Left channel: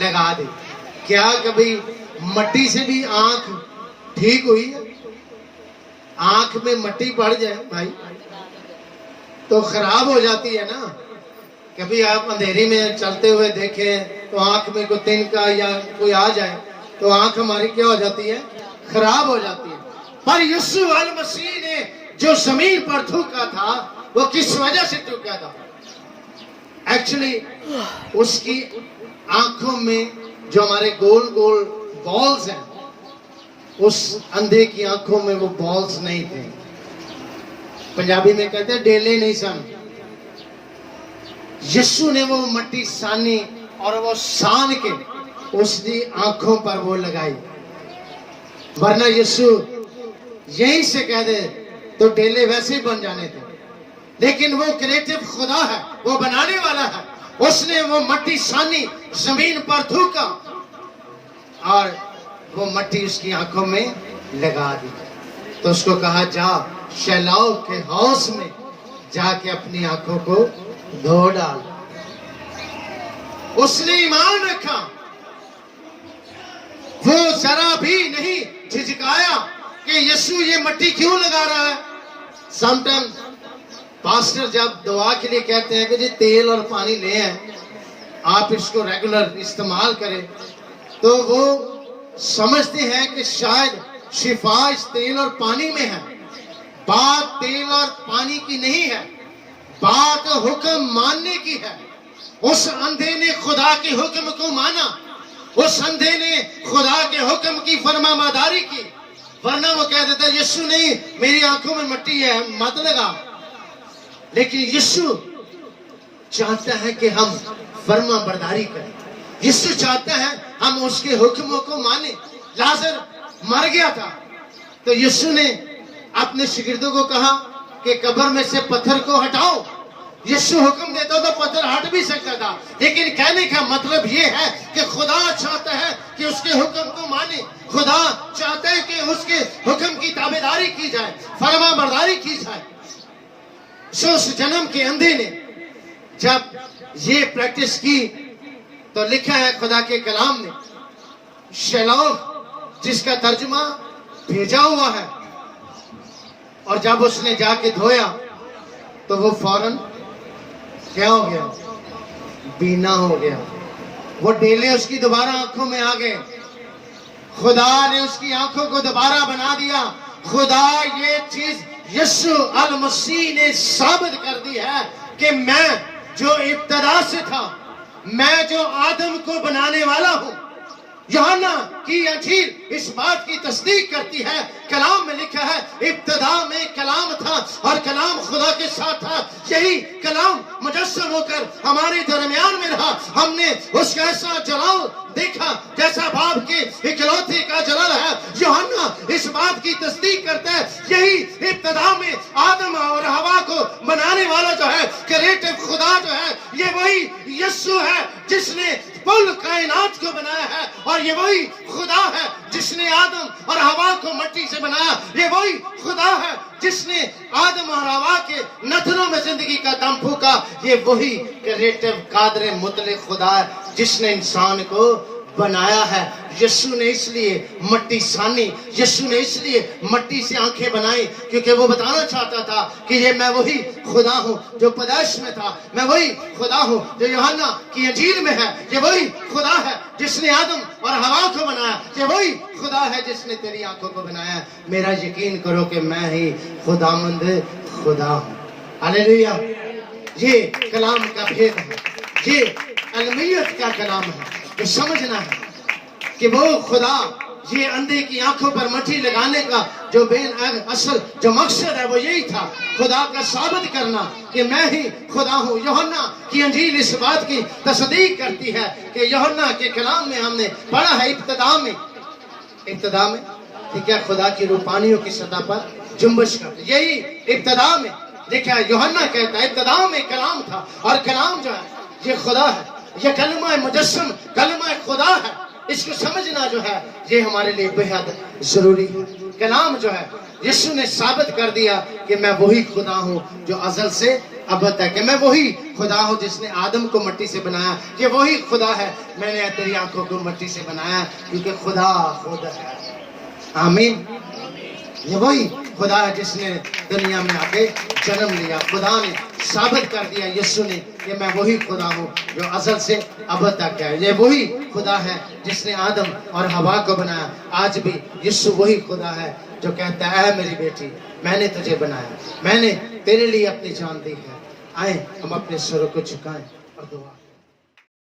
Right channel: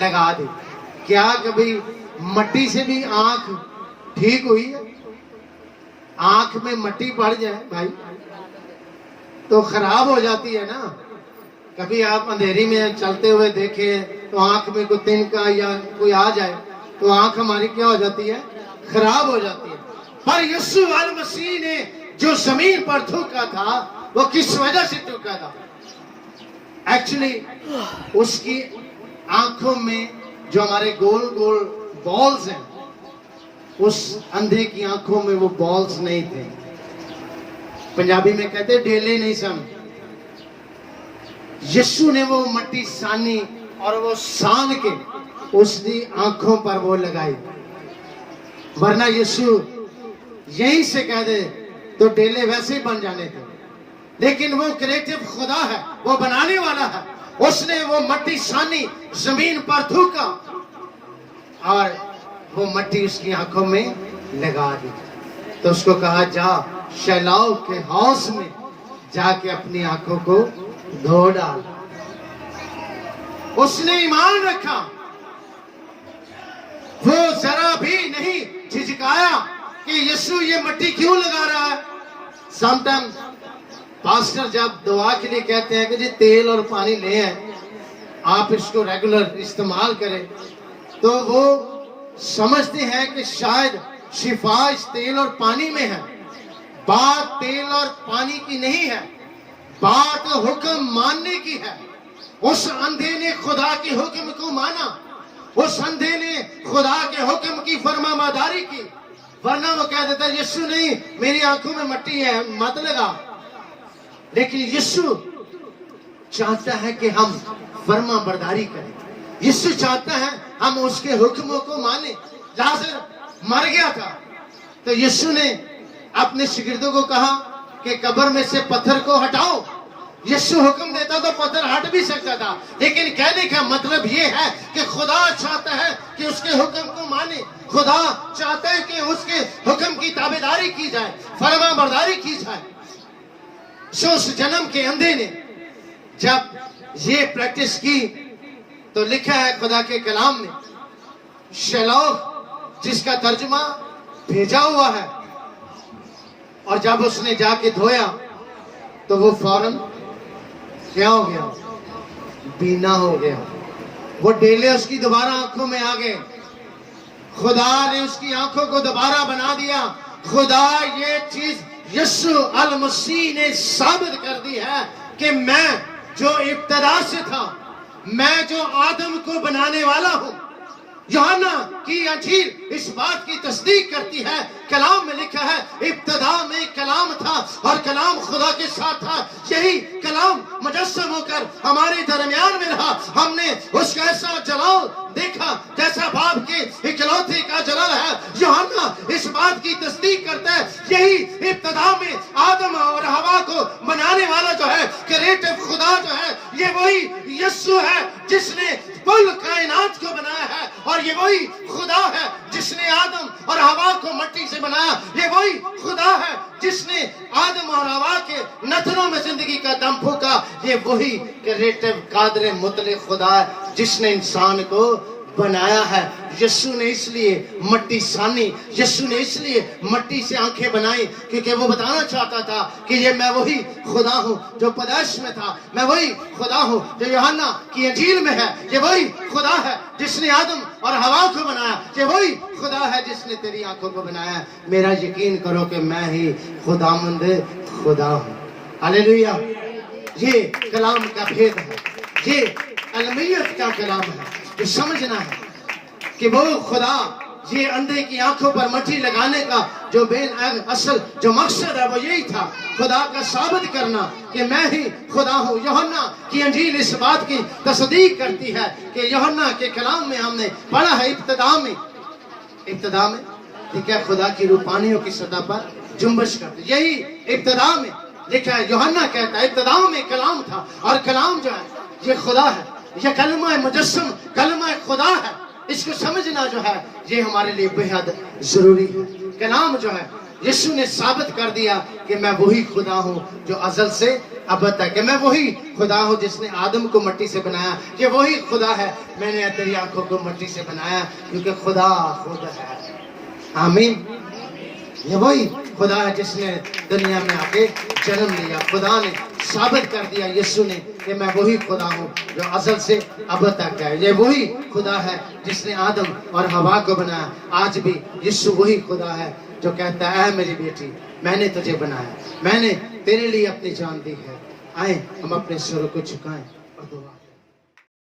لگا دے. کیا کبھی مٹی سے بھی آنکھ ٹھیک ہوئی ہے؟ آنکھ میں مٹی پڑ جائے بھائی تو خراب ہو جاتی ہے نا. کبھی آپ اندھیری میں چلتے ہوئے دیکھیں تو آنکھ میں کوئی تنکا یا کوئی آ جائے تو آنکھ ہماری کیا ہو جاتی ہے؟ خراب ہو جاتی ہے. پر یسوع المسیح نے جو زمین پر تھوکا تھا وہ کس وجہ سے تھوکا تھا؟ ایکچولی اس کی آنکھوں میں جو ہمارے گول گول بالز ہیں، اس اندھے کی آنکھوں میں وہ بالز نہیں تھے. پنجابی میں کہتے ڈیلے نہیں سن. یسوع نے وہ مٹی سانی اور وہ سان کے اس کی آنکھوں پر وہ لگائی. ورنہ یسوع یہیں سے کہہ دے تو ڈیلے ویسے ہی بن جانے تھے. لیکن وہ کریٹو خدا ہے، وہ بنانے والا ہے. اس نے وہ مٹی سانی، زمین پر تھوکا اور وہ مٹی اس کی آنکھوں میں لگا دی. تو اس کو کہا جا شیلاؤ کے حوض میں جا کے اپنی آنکھوں کو دھو ڈال. اس نے ایمان رکھا، وہ ذرا بھی نہیں جھجکایا کہ یسوع یہ مٹی کیوں لگا رہا ہے. سم ٹائم پاسٹر جب دعا کے لیے کہتے ہیں کہ جی تیل اور پانی لے آئیں، آپ اس کو ریگولر استعمال کریں، تو وہ سمجھتے ہیں کہ شاید شفا اس تیل اور پانی میں ہے. بات تیل اور پانی کی نہیں ہے، بات حکم ماننے کی ہے. اس اندھے نے خدا کے حکم کو مانا، اس اندھے نے خدا کے حکم کی فرما برداری کی. ورنہ وہ کہہ دیتا یسوع نہیں، میری آنکھوں میں مٹی ہے مت لگا. لیکن یسوع چاہتا ہے کہ ہم فرما برداری کریں. یسوع چاہتا ہے ہم اس کے حکموں کو مانیں. لازر مر گیا تھا تو یسوع نے اپنے شاگردوں کو کہا کہ قبر میں سے پتھر کو ہٹاؤ. یسوع حکم دیتا تو پتھر ہٹ بھی سکتا تھا، لیکن کہنے کا مطلب یہ ہے کہ خدا چاہتا ہے کہ اس کے حکم کو مانے. خدا چاہتا ہے کہ اس کے حکم کی تابعداری کی جائے، فرما برداری کی جائے. اس جنم کے اندھے نے جب یہ پریکٹس کی تو لکھا ہے خدا کے کلام نے، شیلاؤ جس کا ترجمہ بھیجا ہوا ہے، اور جب اس نے جا کے دھویا تو وہ فوراً کیا ہو گیا؟ بینا ہو گیا. وہ ڈیلے اس کی دوبارہ آنکھوں میں آ گئے. خدا نے اس کی آنکھوں کو دوبارہ بنا دیا. خدا یہ چیز یسوع المسیح نے ثابت کر دی ہے کہ میں جو ابتدا سے تھا، میں جو آدم کو بنانے والا ہوں. یوحنا کی انجیل اس بات کی تصدیق کرتی ہے. کلام میں لکھا ہے ابتدا میں کلام تھا اور کلام خدا کے ساتھ تھا. یہی کلام مجسم ہو کر ہمارے درمیان میں رہا. ہم نے اس کا ایسا جلال دیکھا جیسا باپ کے اکلوتے کا جلال ہے. یوحنا اس بات کی تصدیق کرتا ہے یہی ابتدا میں آدم اور حوا کو بنانے والا جو ہے کریٹو خدا جو ہے، یہ وہی یسوع ہے جس نے کل کائنات کو بنایا ہے. اور یہ وہی خدا ہے جس نے آدم اور حوا کو مٹی سے بنایا. یہ وہی خدا ہے جس نے آدم اور حوا کے نتنوں میں زندگی کا دم پھونکا. یہ وہی کریٹو قادر مطلق خدا ہے جس نے انسان کو بنایا ہے. یسوع نے اس لیے مٹی سانی، یسوع نے اس لیے مٹی سے آنکھیں بنائی کیونکہ وہ بتانا چاہتا تھا کہ یہ میں وہی خدا ہوں جو پیدائش میں تھا. میں وہی خدا ہوں جو یوحنا کی انجیل میں ہے. یہ وہی خدا ہے جس نے آدم اور حوا کو بنایا. یہ وہی خدا ہے جس نے تیری آنکھوں کو بنایا. میرا یقین کرو کہ میں ہی خداوند خدا ہوں. ہاللیلویا. یہ کلام کا بھید ہے، یہ المیت کا کلام ہے جو سمجھنا ہے کہ وہ خدا یہ اندھے کی آنکھوں پر مٹی لگانے کا جو اصل جو مقصد ہے وہ یہی تھا، خدا کا ثابت کرنا کہ میں ہی خدا ہوں. یوحنا کی انجیل اس بات کی تصدیق کرتی ہے کہ یوحنا کے کلام میں ہم نے پڑھا ہے ابتدا میں ٹھیک ہے خدا کی روحانیوں کی سطح پر جنبش کرتی. یہی ابتدا میں لکھا ہے. یوحنا کہتا ہے ابتدا میں کلام تھا اور کلام جو ہے یہ خدا ہے. یہ کلمہ مجسم کلمہ خدا ہے. اس کو سمجھنا جو ہے یہ ہمارے لیے بے حد ضروری ہے. کلام جو ہے یسوع نے ثابت کر دیا کہ میں وہی خدا ہوں جو ازل سے اب تک ہے، میں وہی خدا ہوں جس نے آدم کو مٹی سے بنایا، یہ وہی خدا ہے، میں نے تیری آنکھوں کو مٹی سے بنایا، کیونکہ خدا خود ہے۔ آمین۔ یہ وہی خدا ہے جس نے دنیا میں آ کے جنم لیا۔ خدا نے ثابت کر دیا یسوع نے کہ میں وہی خدا ہوں جو ازل سے اب تک ہے۔ یہ وہی خدا ہے جس نے آدم اور حوا کو بنایا۔ آج بھی یسوع وہی خدا ہے جو کہتا ہے، اے میری بیٹی، میں نے تجھے بنایا، میں نے تیرے لیے اپنی جان دی ہے۔ آئیں ہم اپنے سروں کو جھکائیں اور دعا